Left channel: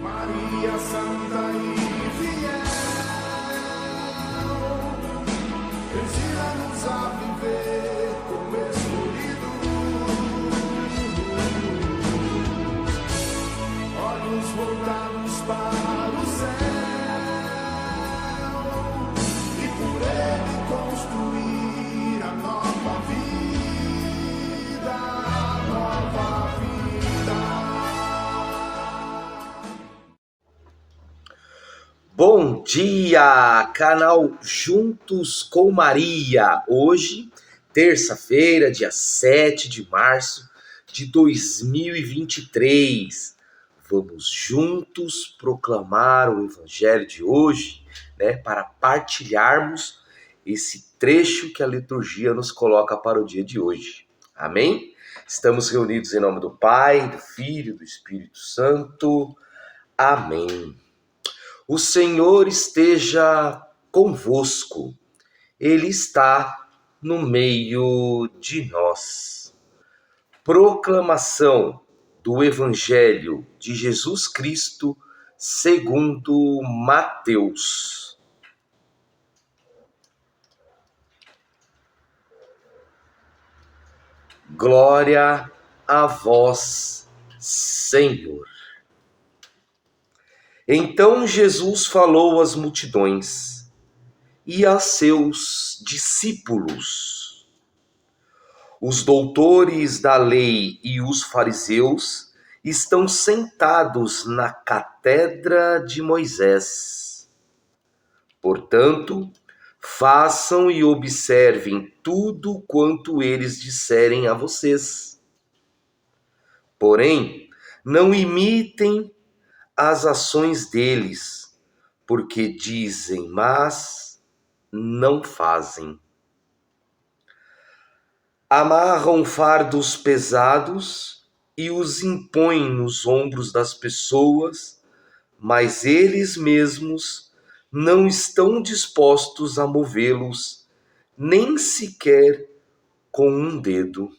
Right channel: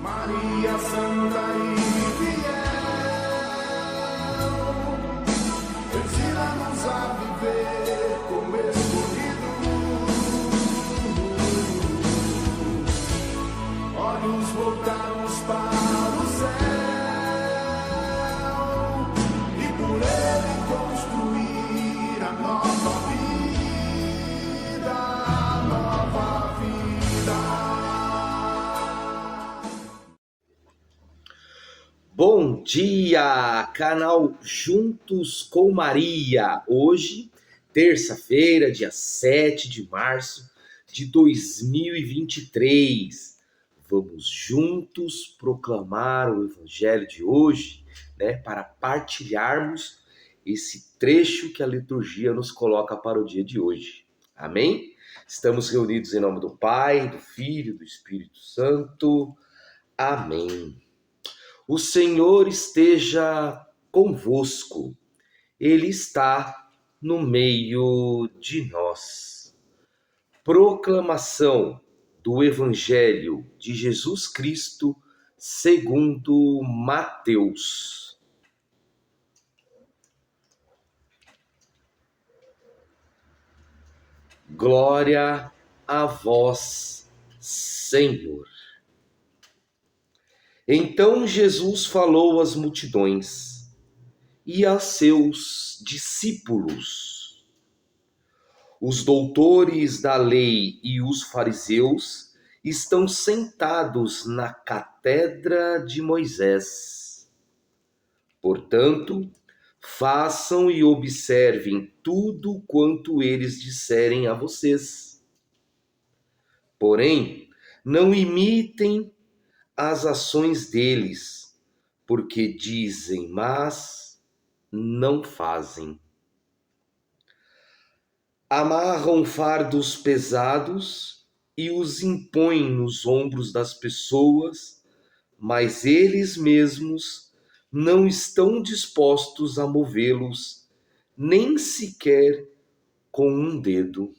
Maria Santa e fiel, ensina-nos a viver como escolhidos, olhos voltados para o céu, e por ele construir a nova vida, a nova vida. Bom dia, canal Juntos com Maria. Hoje, terça-feira, dia 7 de março de 2023. Vamos juntos proclamar o evangelho de hoje, para partilharmos esse trecho que a liturgia nos coloca para o dia de hoje. Amém? Estamos reunidos em nome do Pai, do Filho e do Espírito Santo. Amém. O Senhor esteja convosco, Ele está no meio de nós. Proclamação do Evangelho de Jesus Cristo segundo Mateus. Glória a vós, Senhor. Então Jesus falou às multidões e a seus discípulos. Os doutores da lei e os fariseus estão sentados na cátedra de Moisés. Portanto, façam e observem tudo quanto eles disserem a vocês. Porém, não imitem as ações deles, porque dizem, mas não fazem. Amarram fardos pesados e os impõem nos ombros das pessoas, mas eles mesmos não estão dispostos a movê-los, nem sequer com um dedo.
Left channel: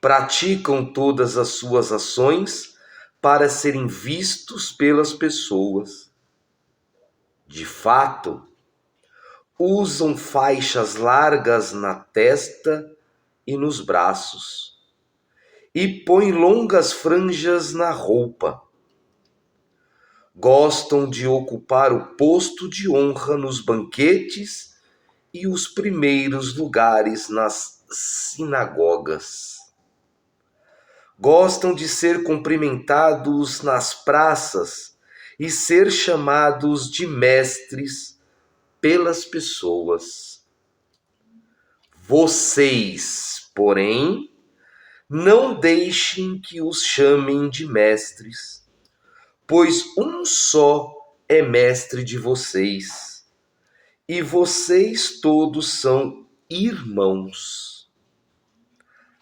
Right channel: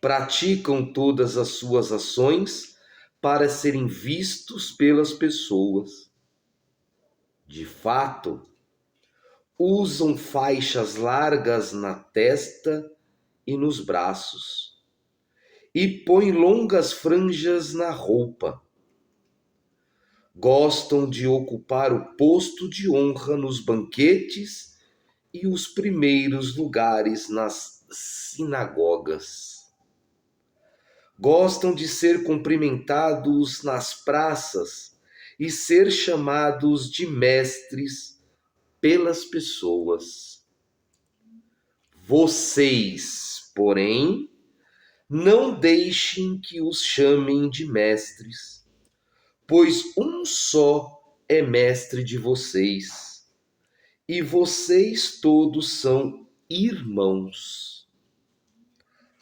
Praticam todas as suas ações para serem vistos pelas pessoas. De fato, usam faixas largas na testa e nos braços, e põem longas franjas na roupa. Gostam de ocupar o posto de honra nos banquetes e os primeiros lugares nas sinagogas. Gostam de ser cumprimentados nas praças e ser chamados de mestres pelas pessoas. Vocês, porém, não deixem que os chamem de mestres, pois um só é mestre de vocês, e vocês todos são irmãos.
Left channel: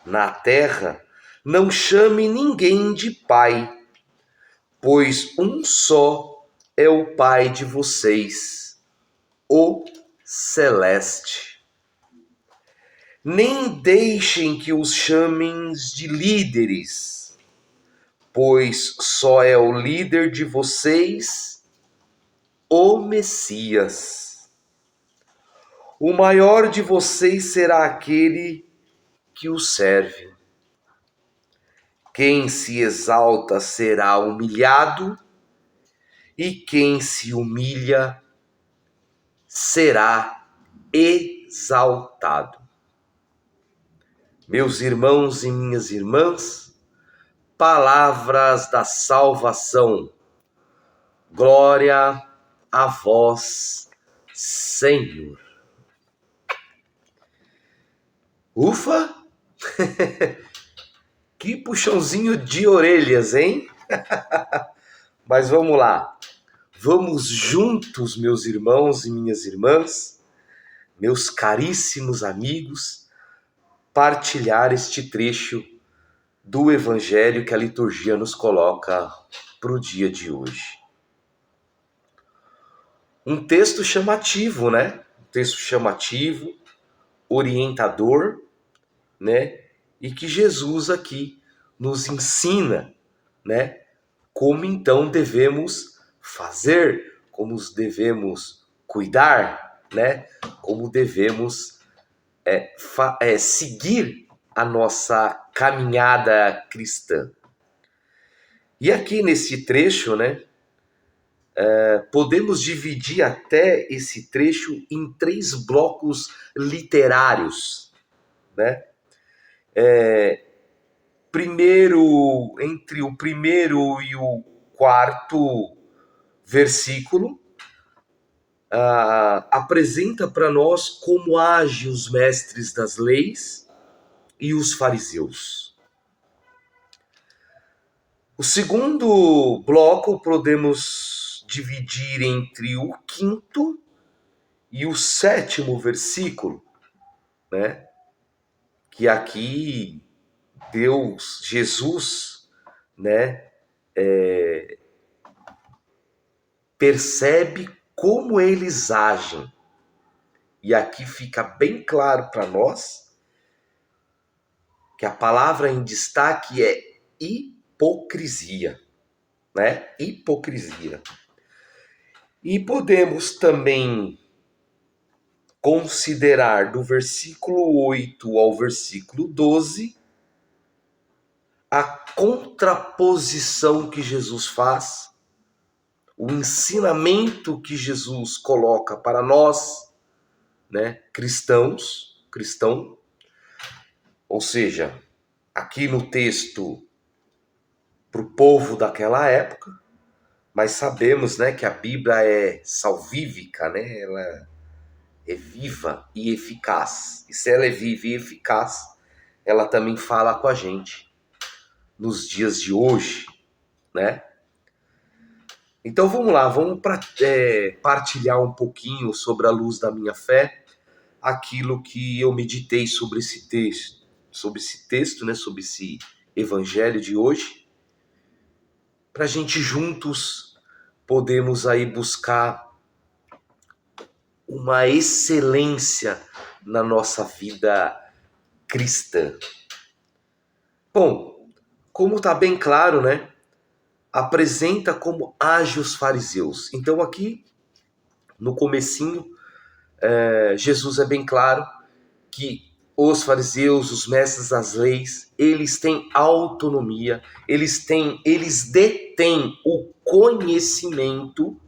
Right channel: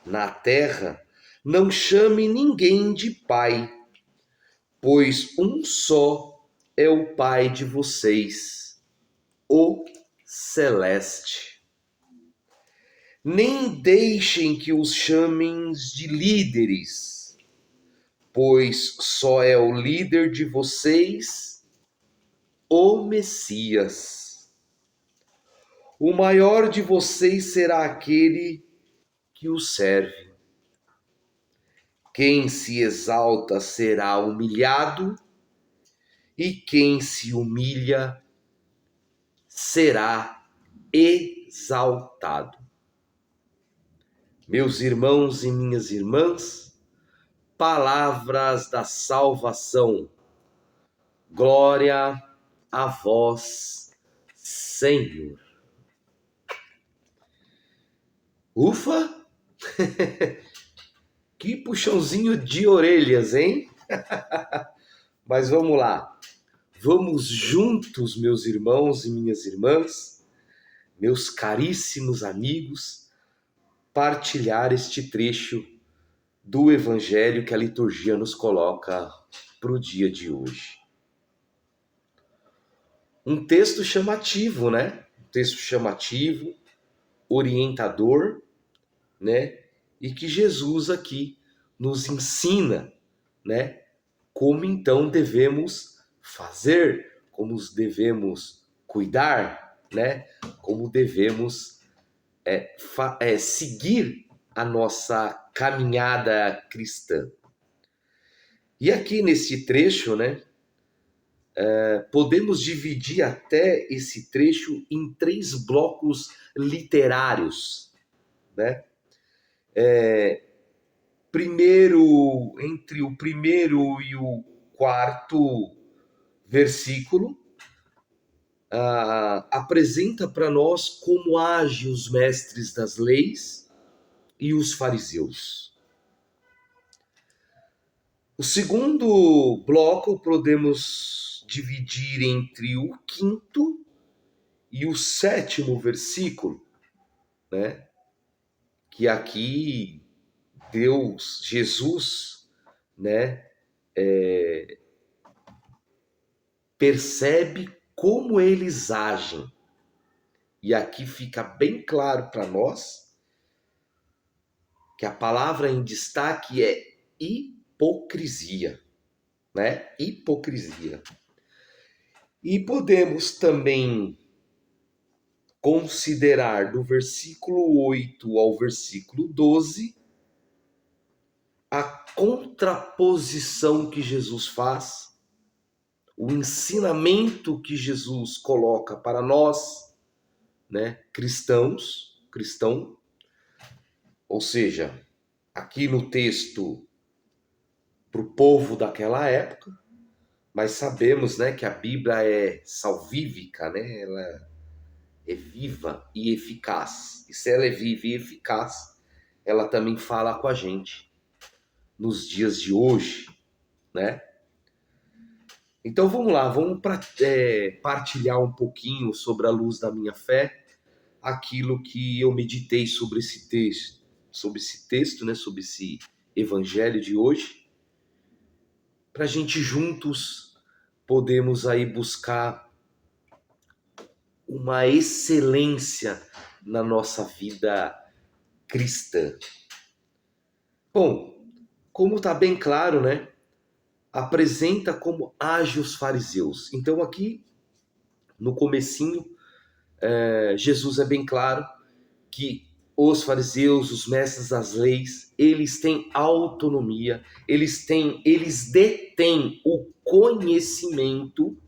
Na terra, não chame ninguém de pai, pois um só é o Pai de vocês, o Celeste. Nem deixem que os chamem de líderes, pois só é o líder de vocês, o Messias. O maior de vocês será aquele que o serve. Quem se exalta será humilhado, e quem se humilha será exaltado. Meus irmãos e minhas irmãs, palavras da salvação. Glória a vós, Senhor. Ufa! Que puxãozinho de orelhas, hein? Mas vamos lá. Vamos juntos, meus irmãos e minhas irmãs, meus caríssimos amigos, partilhar este trecho do Evangelho que a liturgia nos coloca para o dia de hoje. Um texto chamativo, né? Um texto chamativo, orientador, né? E que Jesus aqui nos ensina, né? como então devemos fazer, como devemos cuidar, né? Como devemos seguir a nossa caminhada cristã. E aqui nesse trecho, né, podemos dividir até esse trecho em 3 blocos literários, né? Primeiro, entre o primeiro e o quarto versículo, apresenta para nós como agem os mestres das leis e os fariseus. O segundo bloco podemos dividir entre o quinto e o sétimo versículo, né? Que aqui Deus, Jesus, né, percebe como eles agem. E aqui fica bem claro para nós que a palavra em destaque é hipocrisia, né? Hipocrisia. E podemos também considerar do versículo 8 ao versículo 12 a contraposição que Jesus faz, o ensinamento que Jesus coloca para nós, né, cristão, ou seja, aqui no texto para o povo daquela época, mas sabemos, né, que a Bíblia é salvífica, né? Ela é viva e eficaz. E se ela é viva e eficaz, ela também fala com a gente nos dias de hoje, né? Então vamos lá, vamos partilhar um pouquinho sobre a luz da minha fé, aquilo que eu meditei sobre esse texto, né, sobre esse evangelho de hoje, para a gente juntos podemos aí buscar uma excelência na nossa vida cristã. Bom, como está bem claro, né? Apresenta como agem os fariseus. Então aqui, no comecinho, Jesus é bem claro que os fariseus, os mestres das leis, eles têm autonomia, eles detêm o conhecimento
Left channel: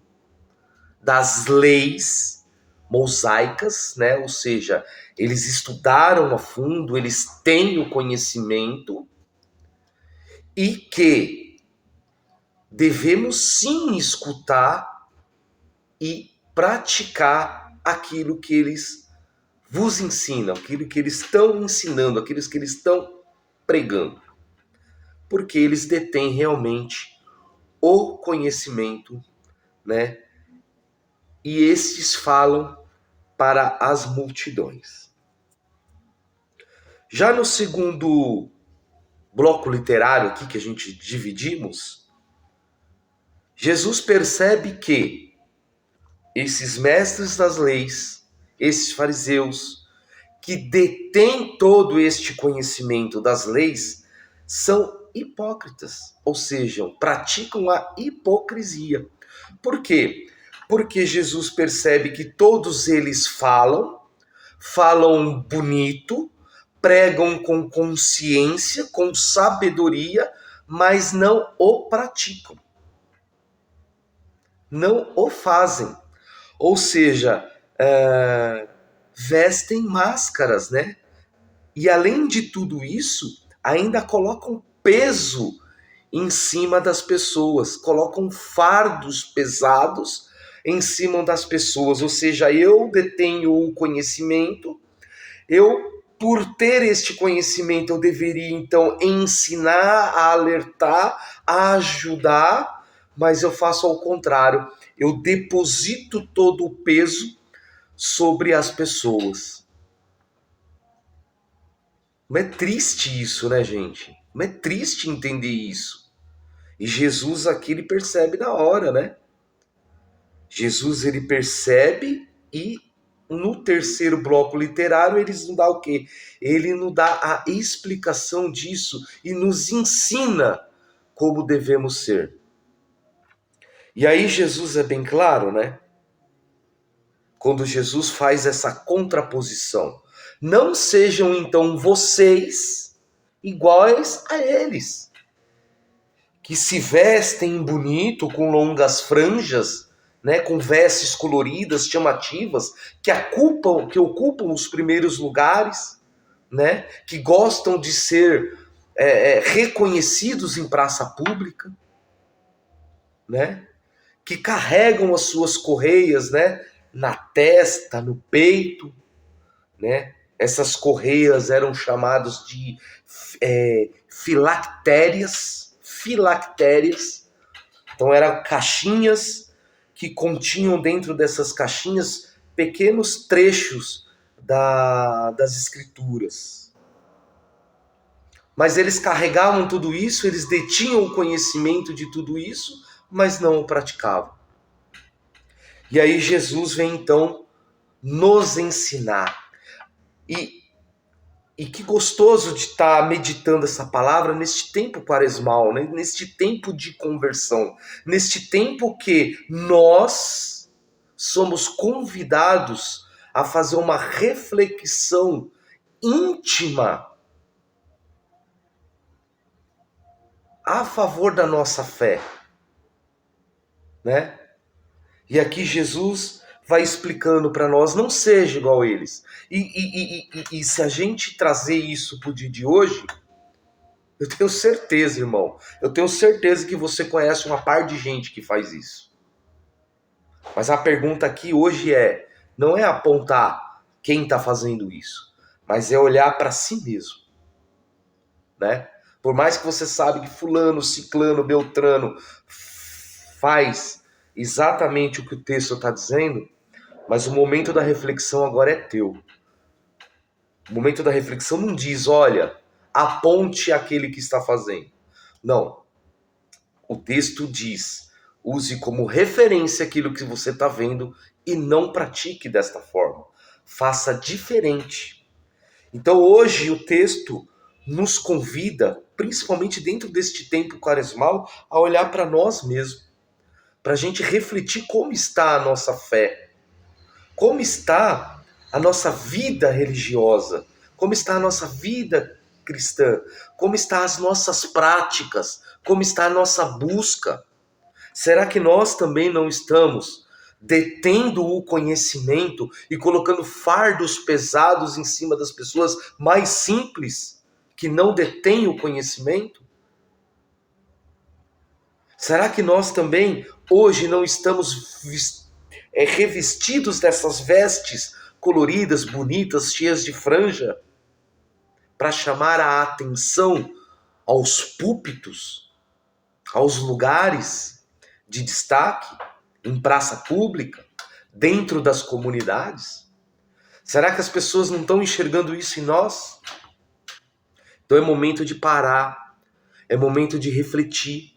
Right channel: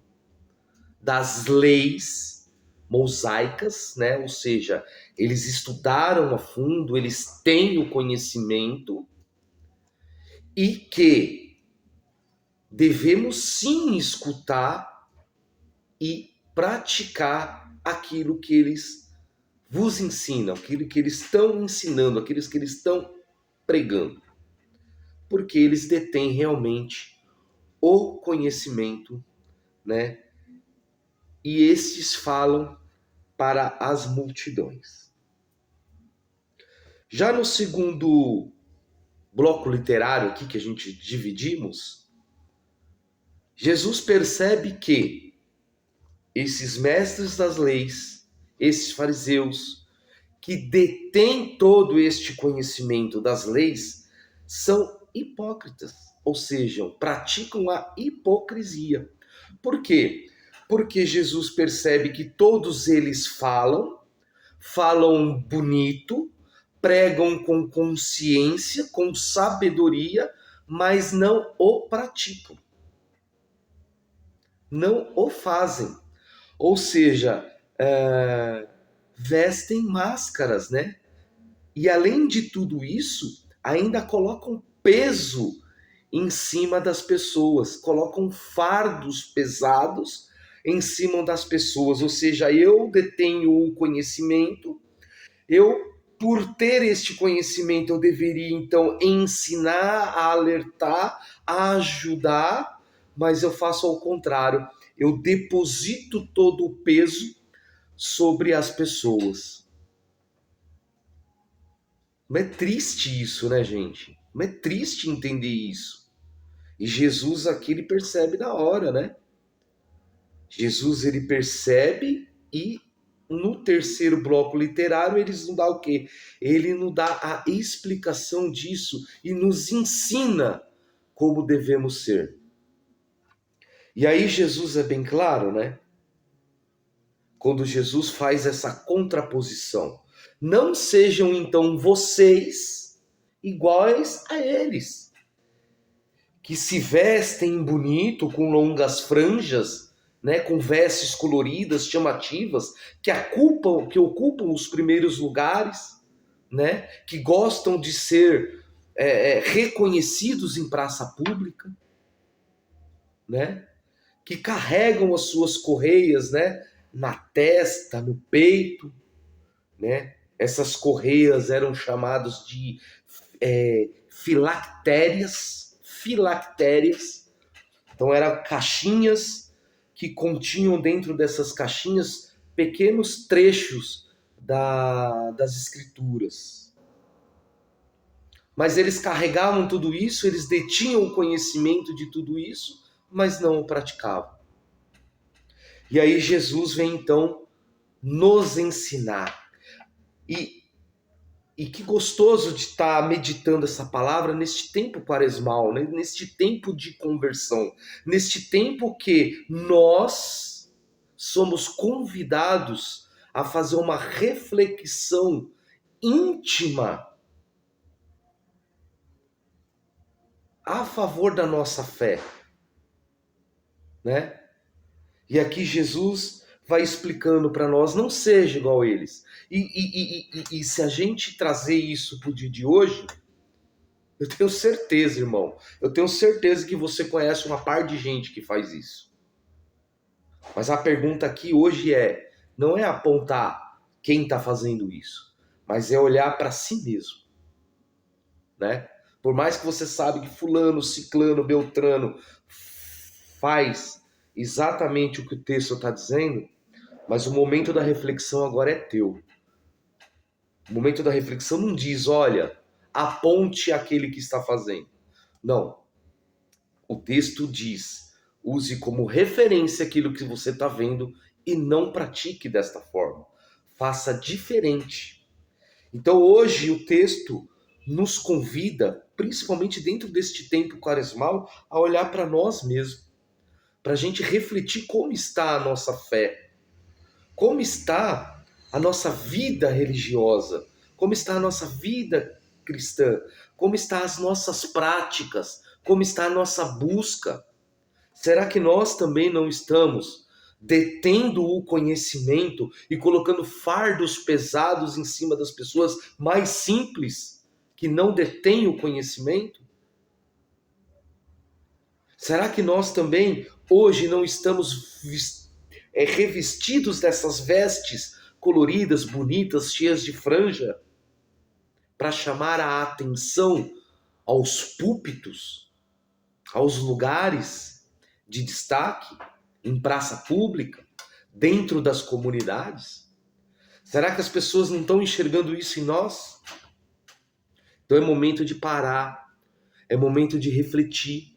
das leis mosaicas, né? Ou seja, eles estudaram a fundo, eles têm o conhecimento e que devemos sim escutar e praticar aquilo que eles vos ensinam, aquilo que eles estão ensinando, aquilo que eles estão pregando. Porque eles detêm realmente o conhecimento, né? E estes falam para as multidões. Já no segundo bloco literário aqui que a gente dividimos, Jesus percebe que esses mestres das leis, esses fariseus, que detêm todo este conhecimento das leis, são hipócritas, ou seja, praticam a hipocrisia. Por quê? Porque Jesus percebe que todos eles falam bonito, pregam com consciência, com sabedoria, mas não o praticam. Não o fazem. Ou seja, vestem máscaras, né? E além de tudo isso, ainda colocam peso em cima das pessoas, colocam fardos pesados em cima das pessoas. Ou seja, eu detenho o conhecimento, por ter este conhecimento, eu deveria então ensinar, a alertar, a ajudar, mas eu faço ao contrário. Eu deposito todo o peso sobre as pessoas. Não é triste isso, né, gente? Não é triste entender isso. E Jesus aqui, ele percebe na hora, né? Jesus, ele percebe e no terceiro bloco literário, ele nos dá o quê? Ele nos dá a explicação disso e nos ensina como devemos ser. E aí Jesus é bem claro, né? Quando Jesus faz essa contraposição. Não sejam então vocês iguais a eles, que se vestem bonito com longas franjas, né, com vestes coloridas, chamativas, que ocupam os primeiros lugares, né, que gostam de ser reconhecidos em praça pública, né, que carregam as suas correias, né, na testa, no peito, né? Essas correias eram chamadas de filactérias. Então eram caixinhas que continham dentro dessas caixinhas pequenos trechos das escrituras. Mas eles carregavam tudo isso, eles detinham o conhecimento de tudo isso, mas não o praticavam. E aí Jesus vem então nos ensinar. E que gostoso de estar meditando essa palavra neste tempo quaresmal, né? Neste tempo de conversão, neste tempo que nós somos convidados a fazer uma reflexão íntima a favor da nossa fé, né? E aqui Jesus vai explicando para nós, não seja igual a eles. E se a gente trazer isso para o dia de hoje, eu tenho certeza, irmão, eu tenho certeza que você conhece uma par de gente que faz isso. Mas a pergunta aqui hoje não é apontar quem está fazendo isso, mas é olhar para si mesmo, né? Por mais que você sabe que fulano, ciclano, beltrano faz exatamente o que o texto está dizendo, mas o momento da reflexão agora é teu. O momento da reflexão não diz, olha, aponte aquele que está fazendo. Não. O texto diz, use como referência aquilo que você está vendo e não pratique desta forma. Faça diferente. Então hoje o texto nos convida, principalmente dentro deste tempo quaresmal, a olhar para nós mesmos, para a gente refletir como está a nossa fé, como está a nossa vida religiosa, como está a nossa vida cristã, como estão as nossas práticas, como está a nossa busca. Será que nós também não estamos detendo o conhecimento e colocando fardos pesados em cima das pessoas mais simples que não detêm o conhecimento? Será que nós também hoje não estamos revestidos dessas vestes coloridas, bonitas, cheias de franja, para chamar a atenção aos púlpitos, aos lugares de destaque, em praça pública, dentro das comunidades? Será que as pessoas não estão enxergando isso em nós? Então é momento de parar, é momento de refletir,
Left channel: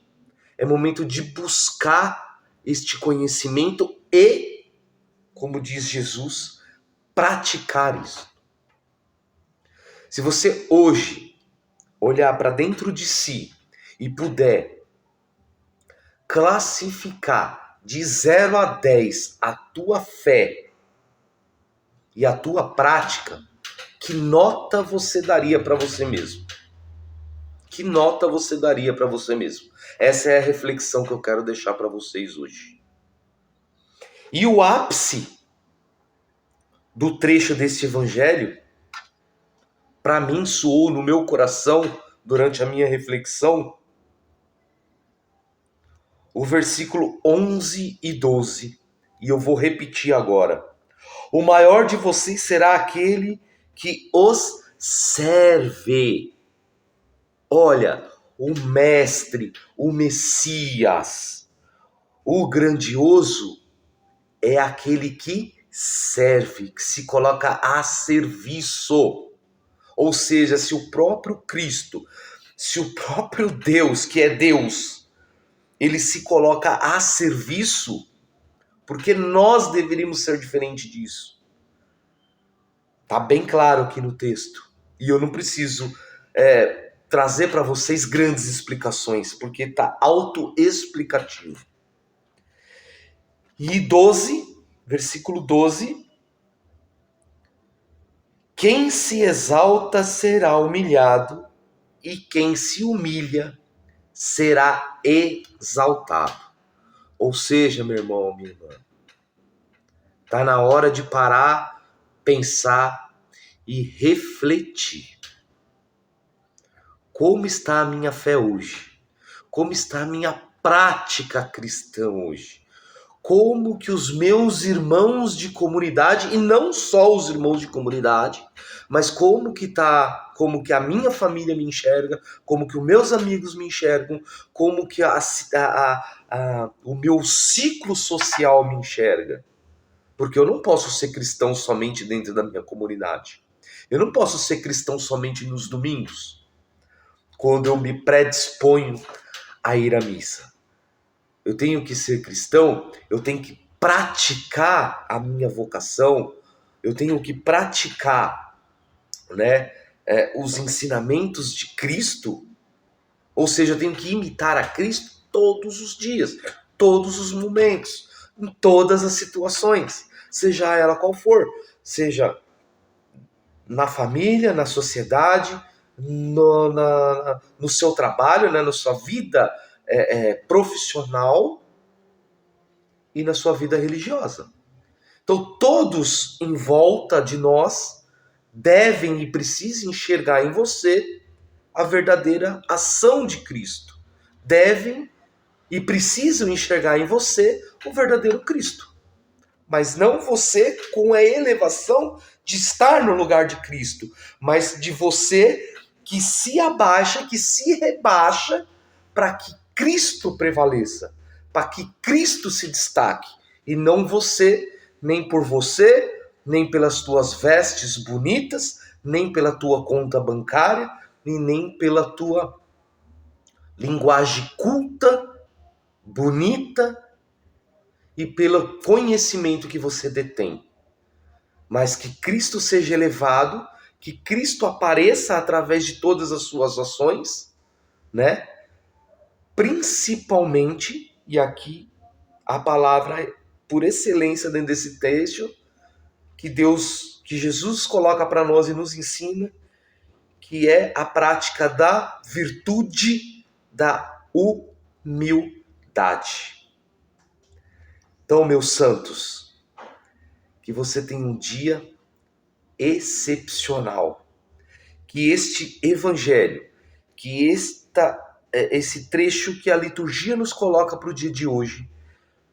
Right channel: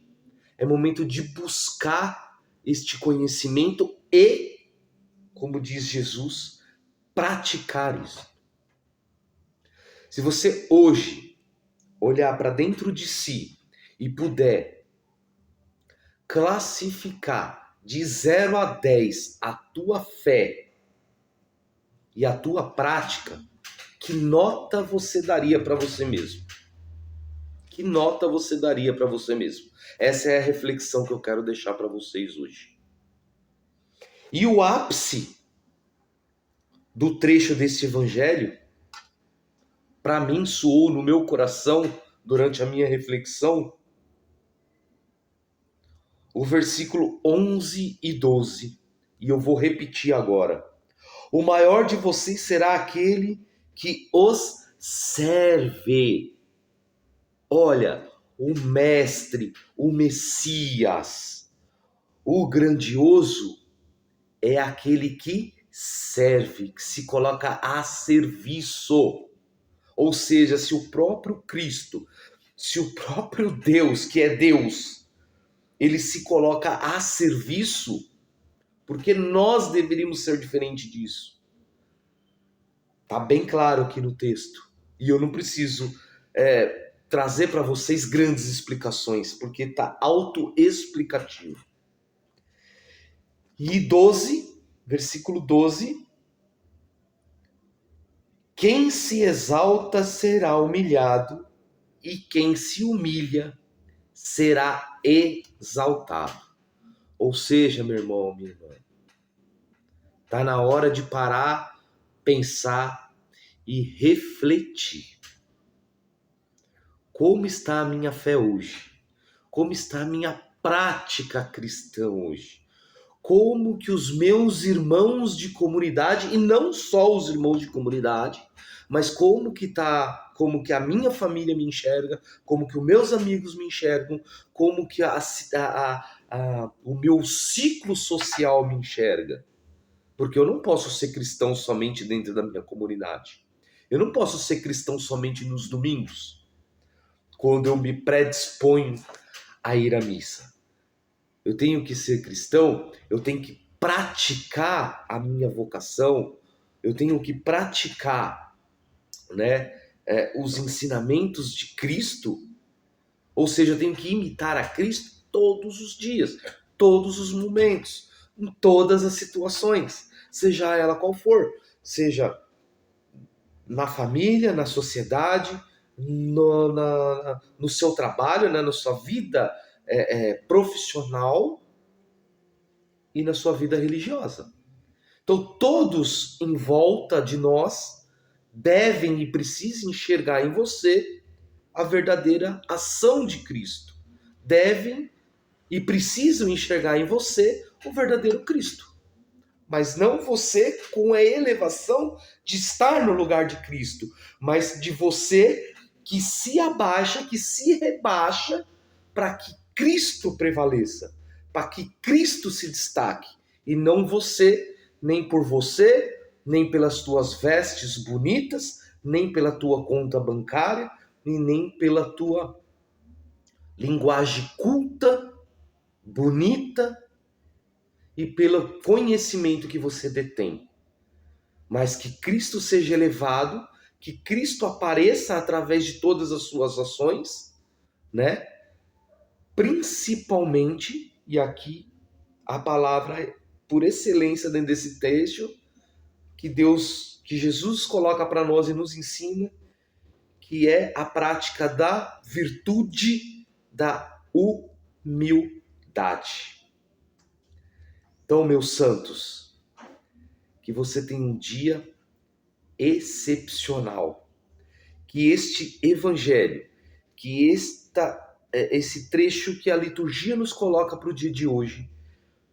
é momento de buscar este conhecimento e, como diz Jesus, praticar isso. Se você hoje olhar para dentro de si e puder classificar de 0 a 10 a tua fé e a tua prática, que nota você daria para você mesmo? Que nota você daria para você mesmo? Essa é a reflexão que eu quero deixar para vocês hoje. E o ápice do trecho desse evangelho, para mim soou no meu coração durante a minha reflexão, o versículo 11 e 12, e eu vou repetir agora. O maior de vocês será aquele que os serve. Olha, o mestre, o Messias, o grandioso é aquele que serve, que se coloca a serviço. Ou seja, se o próprio Cristo, se o próprio Deus, que é Deus, ele se coloca a serviço, porque nós deveríamos ser diferente disso. Tá bem claro aqui no texto. E eu não preciso trazer para vocês grandes explicações, porque tá autoexplicativo. E 12, versículo 12: quem se exalta será humilhado, e quem se humilha será exaltado. Ou seja, meu irmão, minha irmã, está na hora de parar, pensar e refletir. Como está a minha fé hoje? Como está a minha prática cristã hoje? Como que os meus irmãos de comunidade, e não só os irmãos de comunidade, mas como que a minha família me enxerga, como que os meus amigos me enxergam, como que o meu ciclo social me enxerga. Porque eu não posso ser cristão somente dentro da minha comunidade. Eu não posso ser cristão somente nos domingos, quando eu me predisponho a ir à missa. Eu tenho que ser cristão, eu tenho que praticar a minha vocação, eu tenho que praticar, os ensinamentos de Cristo, ou seja, eu tenho que imitar a Cristo todos os dias, todos os momentos, em todas as situações, seja ela qual for, seja na família, na sociedade, no seu trabalho, na sua vida profissional e na sua vida religiosa. Então, todos em volta de nós devem e precisam enxergar em você a verdadeira ação de Cristo. Devem e precisam enxergar em você o verdadeiro Cristo. Mas não você com a elevação de estar no lugar de Cristo, mas de você que se abaixa, que se rebaixa para que Cristo prevaleça, para que Cristo se destaque, e não você, nem por você, nem pelas tuas vestes bonitas, nem pela tua conta bancária, e nem pela tua linguagem culta, bonita, e pelo conhecimento que você detém. Mas que Cristo seja elevado, que Cristo apareça através de todas as suas ações, Principalmente, e aqui a palavra por excelência dentro desse texto, que Jesus coloca para nós e nos ensina, que é a prática da virtude da humildade. Então, meus santos, que você tenha um dia excepcional, que este evangelho, que esse trecho que a liturgia nos coloca para o dia de hoje,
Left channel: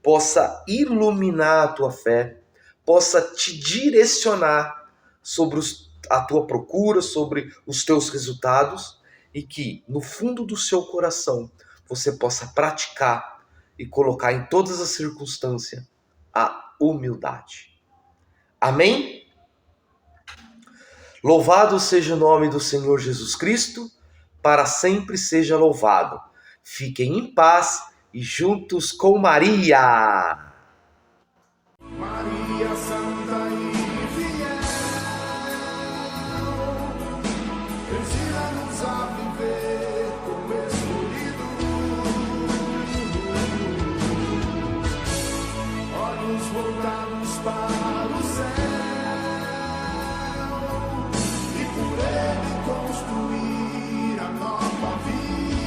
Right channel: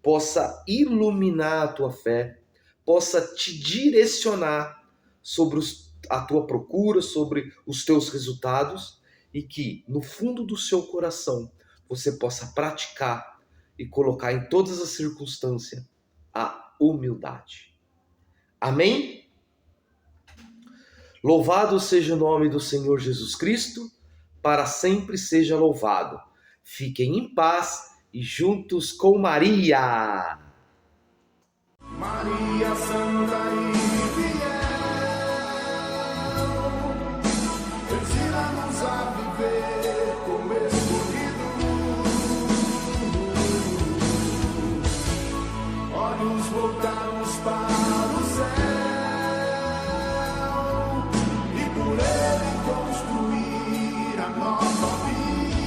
possa iluminar a tua fé, possa te direcionar sobre a tua procura, sobre os teus resultados, e que no fundo do seu coração você possa praticar e colocar em todas as circunstâncias a humildade. Amém? Louvado seja o nome do Senhor Jesus Cristo, para sempre seja louvado. Fiquem em paz e juntos com Maria. Maria Santa e fiel, ensina-nos a viver como escolhidos, olhos voltados para o céu, e por ele construir a nova vida.